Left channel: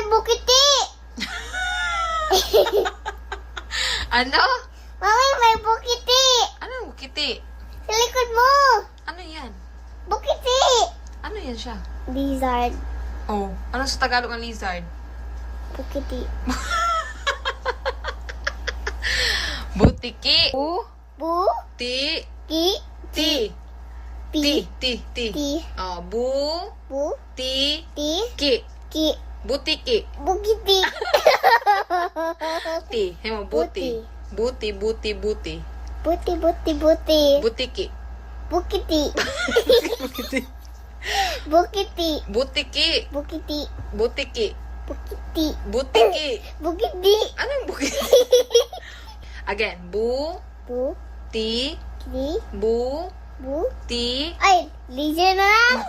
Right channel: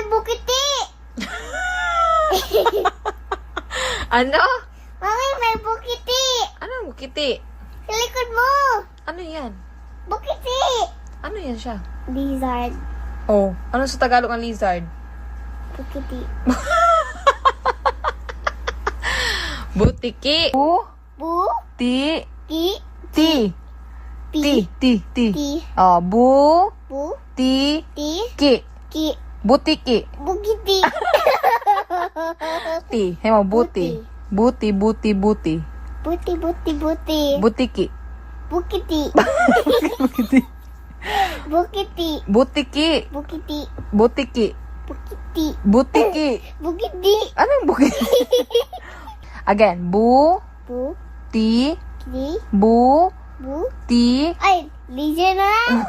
may bukiti. Ano? Mami, may bukiti. Ano ang bukiti? Sa likod mo. Ano yan? Bukiti. Ano yan siya? Lizard. Oh, ano sa Tagalog ang lizard? Bukiti. Butiki. Bu. Ti. Ki. Ti. Pi. Ti. Ti. Ti. Oh, bu. Bu. Ti. Ti. Ki. Ki. Butiki. Bukiti. Ti. Hemo, buti. Buti. Buti, buti, buti. Butiki. Bukiti. Bukiti. Butiki. Bukiti. Butiki. Bukiti. Butiki. Bukiti. Anong bukiti? Again. Bu. Bu. Ti. Ki. Bu. Bu. Ti. Ay, lizard na lang.